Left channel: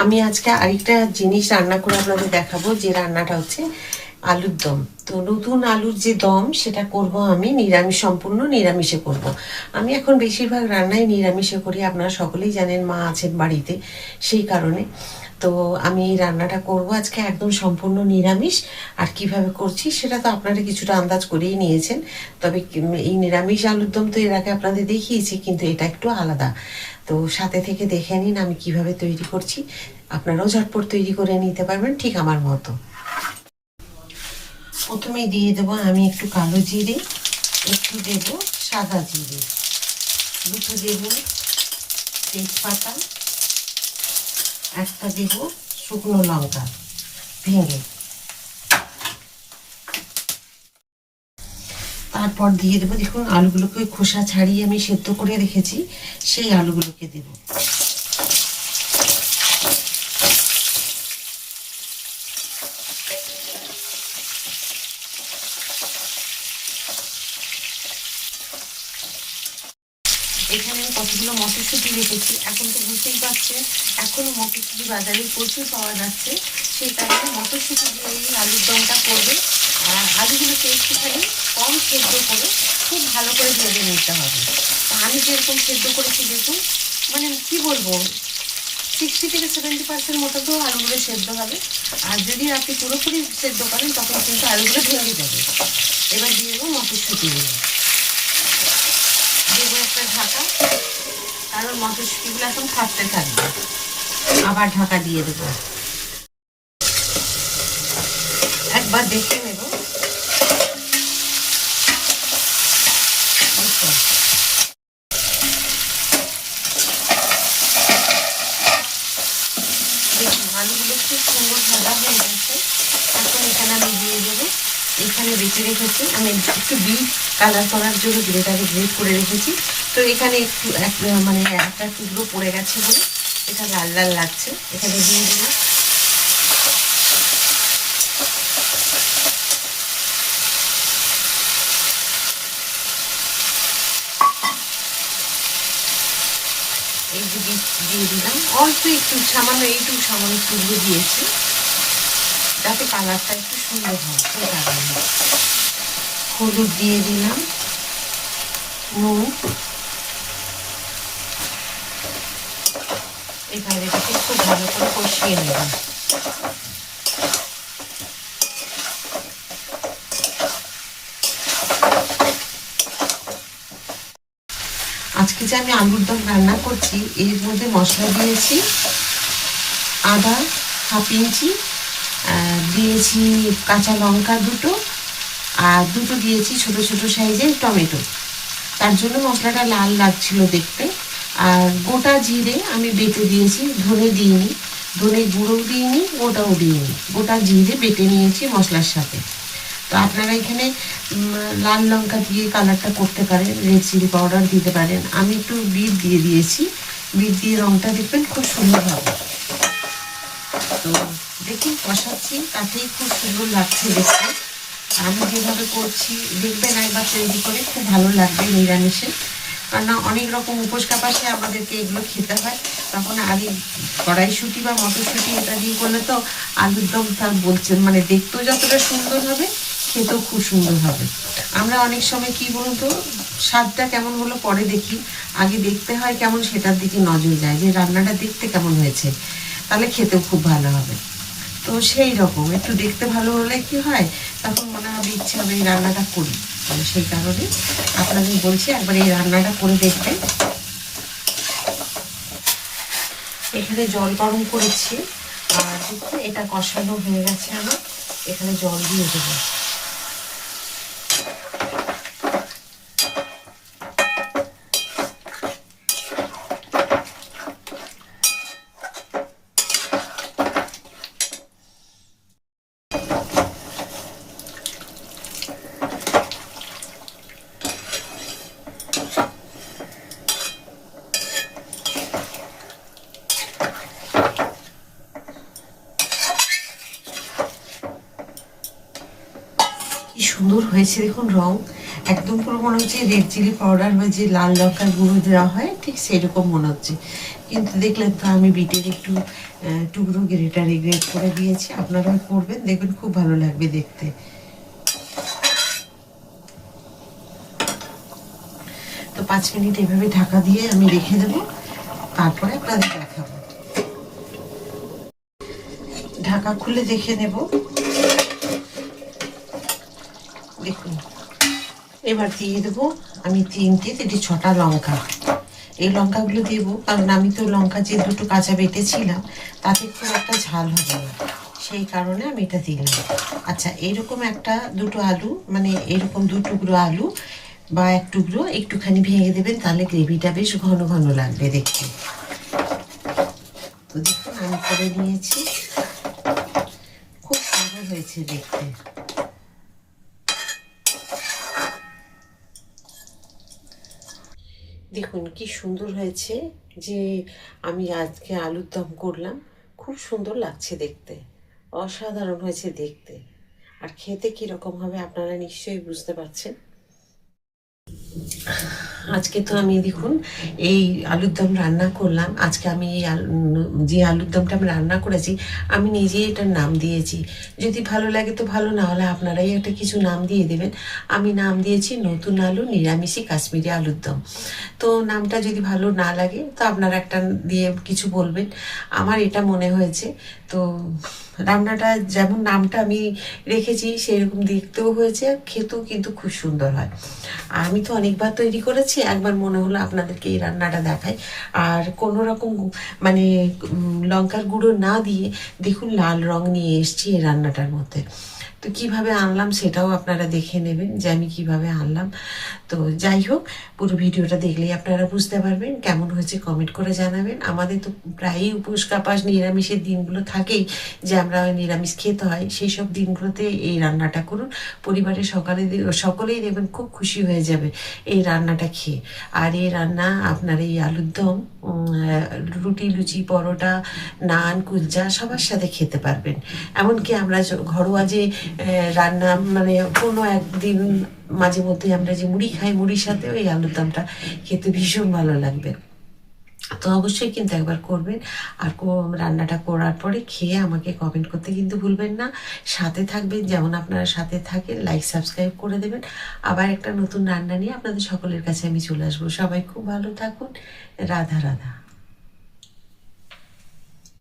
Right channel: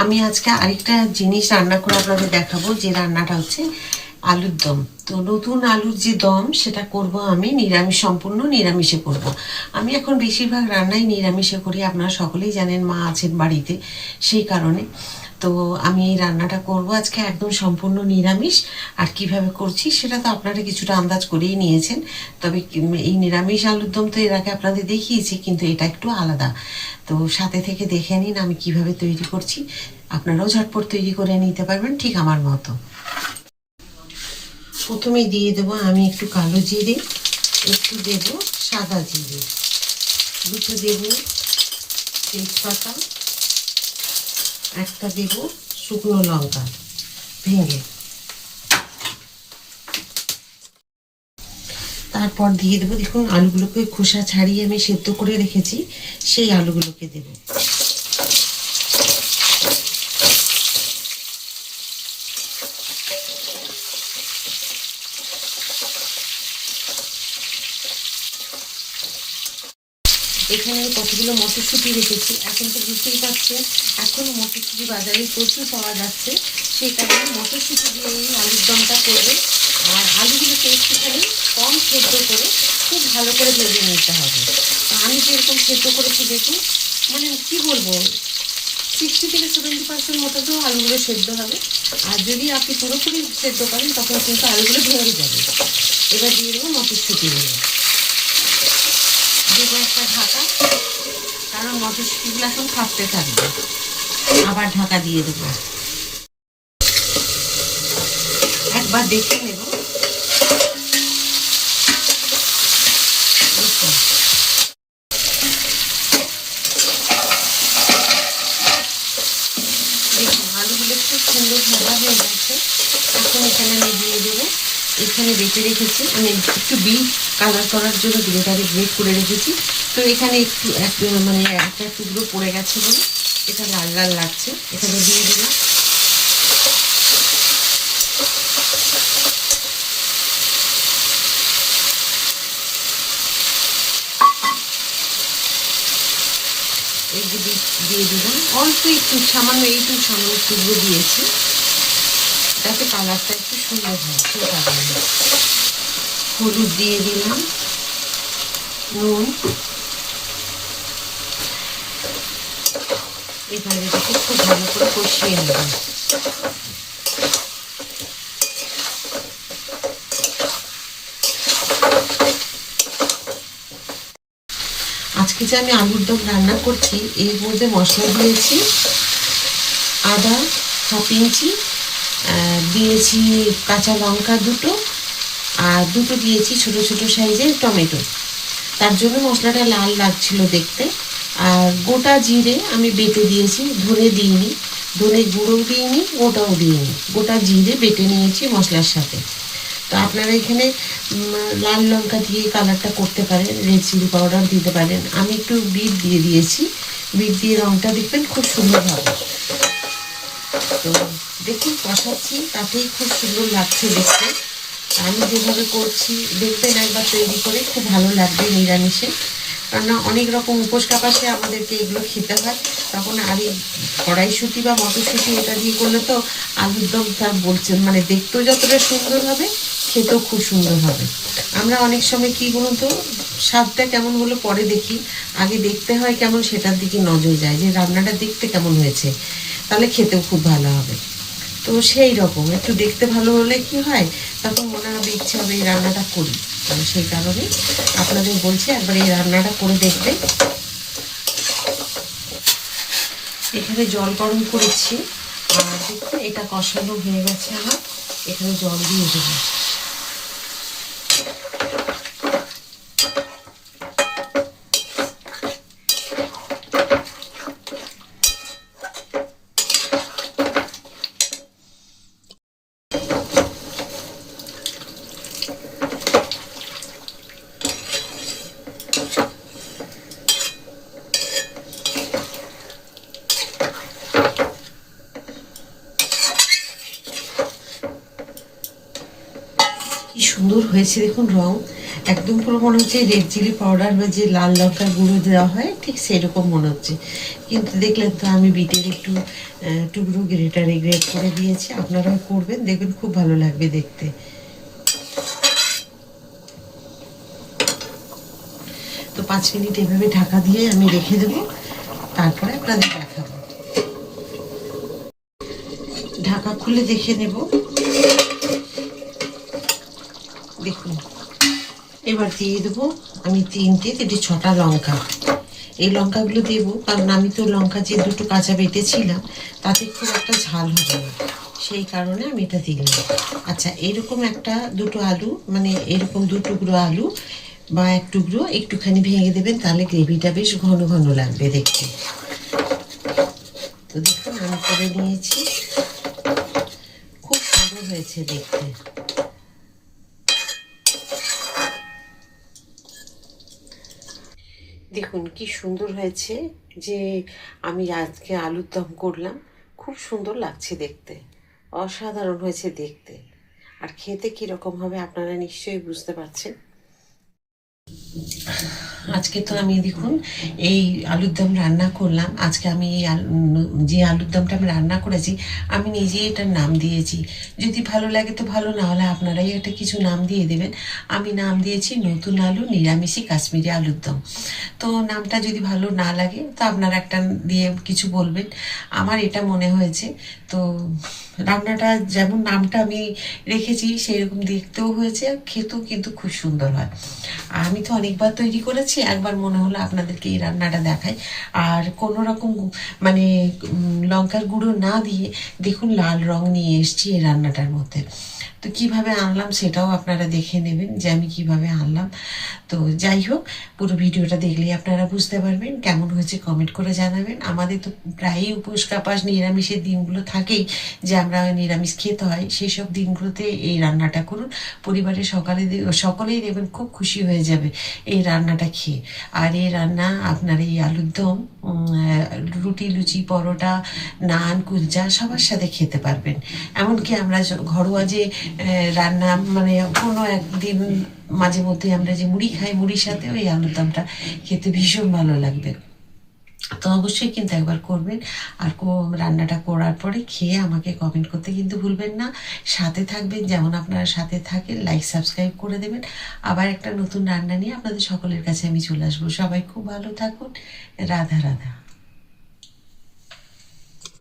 আমি আজকে আরেকটা জিনিস রান্না করে আপনাদের দেখাবো, যে রান্নাটা হচ্ছে আলুর দম। তো নতুন আলুর যে দম সেটা করব আমি নিরামিষ, সম্পূর্ণ নিরামিষে করব। আমি এখন বেশিরভাগ রান্নাই নিরামিষে করি, আপনারা সকলেই জানেন, মা আছেন বাড়িতে, সেই কারণে। তো আমি এই রান্নাটা করব আজকে একদম সম্পূর্ণ নিরামিষ। আর কিভাবে করছি সেটা তো আপনারা কিছুটা আন্দাজ করেই নিয়েছেন। তবে এই নিরামিষ আলুর দম তো এর আগে আপনাদের দেখিয়েছি, কিন্তু এটা একটু আলাদা। তো সাথে থেকে দেখে নিন আমি কিভাবে তৈরি করছি। আপনারাও ঝটপট তৈরি করে নিতে পারবেন ঠিক আমার মতো। প্রথমেই দিয়ে দেবো আমি একটু কালো জিরে, একটু দেব সাদা জিরে, দুটো দেব তেজপাতা, একটা দেব শুকনো লঙ্কা ভেঙে। তারপর দিয়ে দেবো, দেখুন আলুগুলোকে খোসা ছাড়িয়ে আমি সেদ্ধ করে রেখেছি, সেই আলুগুলোকে দেব। এখানে কতগুলো মটরশুঁটি রেখেছি, এখন তো বুঝতেই পারছেন এখনো মটরশুঁটি বাজারে প্রচুর পাওয়া যাচ্ছে, সেই কারণে মটরশুঁটি দিয়ে এই আলুর দমটা করবে। আর আলুগুলোকে একটুখানি কম সেদ্ধ করে খুব ভালো করে ভেজে নিতে হবে। আমি যেরকম সেদ্ধ করেছি দেখুন, মানে কি বলবো, 60 থেকে 70% মতো তো আলুগুলো সেদ্ধ হবে। আর যদি আপনি পুরোপুরি সেদ্ধ করেন তখন কিন্তু আলুগুলো ভেঙে যাবে। এবার দিয়ে দেবো মটরশুঁটিগুলো, দেবো একটা ঢাকা, কারণ মটরশুঁটিগুলো এখন ভাপতে থাকবে। আবার ঢাকা দিয়ে দেবো, একবার দেখে নেব। আলুগুলো খুব সুন্দর ভাজা হয়ে গেছে। এখন এখানে আমি দিয়ে দেবো, এখানে বেটে রেখেছি আমি একটু বিট কালার করার জন্য বিটটাকে গ্রেট করে রেখেছি। তো এখানে একটু মানে একটা টুকরো পড়ে গেছে বলে এটা লাল লাল লাগছে, এখানে দিয়ে দিলাম। এই যে বিট দিয়ে দিলাম, অল্প একটু সামান্য টুকরো দিয়েছি, যাতে কালারটা একটু সুন্দর হয়। সেই কারণে হলুদ দিয়ে দিলাম, নুন, এবারে এটাকে খুব ভালো করে কষিয়ে নেব। আজকে যে আমি আলুর দম রান্না করছি, এর মধ্যে মশলা দিয়েছি আদা হাফ ইঞ্চি, দিয়েছি কাঁচা লঙ্কা দুটো, আর দুটো দিয়েছি ছোট ছোট সাইজের টমেটো। তার জন্য মশলাটা লাল লাগছিল দেখতে। আর গোটা জিরে আমি বেটে দিয়েছি, ধনে দিইনি, ধনে গুঁড়োও দিইনি, ওটাও দিইনি, গোটা জিরে বেটে নিয়েছি মশলার সাথে। তো আপনারা এখানে লাল লঙ্কা দিয়ে কালারটা করতে পারেন, রেড চিলি পাউডার দিতে পারেন। আমি একটু বিট দিয়ে দিয়েছি, বিট দিয়ে রঙটা দেখবেন খুব সুন্দর হবে। তো দেখুন কষাচ্ছি, তাতেই খুব সুন্দর লাগছে দেখতে। আমি যেভাবে করছি দেখবেন একবার তৈরি করে, খুব ভালো লাগবে নিরামিষে। কেননা অনেক রকম উপোস কাপাসে আমাদেরকে এগুলো খেতে হয়, তখন আগে কড়াইশুঁটি বা মটরশুঁটি এটা দিয়ে করলে তো আলুর দম তার বলছেন, মানে দেখতেও যতটা সুন্দর হবে খেতেও খুব সুন্দর হবে। আমরা অনেক সময় কি বলুন তো, স্বাদটা কেমন হলো পরে দেখি, আগে দেখতে হয় কেমন সেটার দিকে নজর যায়, যে রান্নাটা দেখতে কেমন হয়েছে, তাহলে খেতেও খুব ভালো হবে। তো সেই রকম একটু দেখতে ভালো হলে কি হয়, তখন মনে হবে ইচ্ছে হবে এই রান্নাটা করি। সেই কারণে আপনাদের বলছি একবার এই রান্নাটা করে দেখবেন। এখানে জল গরম করেছি, আর দেখুন এটা কষানো হয়ে গেছে আমার, এখানে জল দিয়ে দেবো। কি সুন্দর হয়েছে দেখুন, রং একদম পুরো মনে হচ্ছে রেড চিলি পাউডার বা যে লাল লঙ্কার গুঁড়ো দেওয়া হয় ঠিক সেরকম মনে হচ্ছে। কিন্তু দেখলেন তো আমি বিটের একটু টুকরো গ্রেটারে গ্রেট করে দিয়েছি, আপনারাও করবেন, দেখবেন খুব ভালো লাগবে দেখতে। তো 5 মিনিট এভাবে ঢাকা দিয়ে আমি রেখে দেবো, তারপরে আপনাদের দেখাবো। ঢাকা খুলে দেখে নেব, দেখুন। এবার দিয়ে দেবো আমি 6টা লঙ্কা। এই লঙ্কাগুলো দেবো কারণ আমি তো লঙ্কা যে দুটো কাঁচা বেটেছিলাম তাতে খুব একটা ঝাল হবে না, সেই কারণে আমি এটা দিলাম। আচ্ছা, এরকম দুটো আলু, মানে এরকম 2 টুকরো আলু বা 1 টুকরো একটুখানি ভেঙে দেবেন, তাহলে গ্রেভিটা বেশ ঘন ঘন লাগবে দেখতে। তো দেখুন আমি করে নিয়েছি, খুব সুন্দর হয়েছে দেখতে। দেখুন কি সুন্দর হয়েছে, যে আমি আজকে আলুর দম করলাম, খুব সুন্দর লাগছে দেখতে, অসাধারণ হয়েছে দেখতে। আর খেতে কীরকম হবে আপনারা নিশ্চয়ই বুঝতে পারছেন। আজকে তো আমি দেখুন এই আলুর দম রান্না করলাম। আজকে আমি এই যে আলুর দমটা আমি রান্না করেছি, আমি নিজেই এটার নাম দিয়েছি। যদি ভালো লাগে তো ভালো, না হলে আপনারাই একটা কিছু নাম দিয়ে দেবেন। আমি নাম দিয়েছি নতুন আলু নিরামিষি কাশ্মীরি আলুর দম। তো নামটা যদি ভালো না লাগে তো আপনারা একটা দিয়ে কিছু বলবেন। আমার এটা মনে হয়েছে, তো রান্নাটা যেমন নামটা আমি রেখেছি সেরকম দেখতেও হয়েছে, খেতেও কিন্তু খুব সুন্দর হয়। আর আমি তো অনেকবার তৈরি করেছি, একবার মনে হলো আপনাদেরকে এই রান্নাটা দেখাই। আর কোনো রকম মানে লঙ্কার গুঁড়ো না দিয়ে দেখুন লাল রং নিয়ে এসেছি এই রান্নাটার মধ্যে। তো কিভাবে আনলাম সেটাও আপনারা দেখে নেবেন যে আমি কিভাবে আনলাম। তো যাই হোক, পুরো ভিডিওটা দেখলেই আপনারা বুঝতে পারবেন কেমন হয়েছে, কমেন্ট করে জানাবেন। আমাদের তো প্রায়ই উপোস কাপাস নিরামিষের দিনগুলো থাকেই, যে আমরা নিরামিষ খেতে হয়, সেই সব দিনগুলোতে এই রান্নাটা করুন। পরিবারের সকলেই দেখবেন খুব খুশি হয়ে যাবে এই রান্নাটা খেয়ে। আর এই রান্না আপনার এই আলুর দম রুটি, লুচি, পরোটা, নান, কুলচা সবার সাথে খেতে পারবেন। এমনকি আমরা ঘরোয়া যে রান্না, মানে কোনো একদিন মাঝে মধ্যে আমরা যে মুড়ি খাই, মুড়ির সাথেও এই আলুর দমটা খেতে ভীষণ ভালো লাগবে। তো অবশ্যই কিন্তু একবার করবেন। আর রান্নাটা করার পরে খেয়ে আমাকে কমেন্ট করতে কিন্তু ভুলবেন না। সাথে থাকবেন, যেমন আপনারা সাথে থাকেন, লাইক সাবস্ক্রাইব করে দেবেন। আবার একটা নতুন রান্না নিয়ে আপনাদের সকলের কাছে আমি চলে আসবো। সবাই খুব ভালো থাকুন। রাধা রাধা।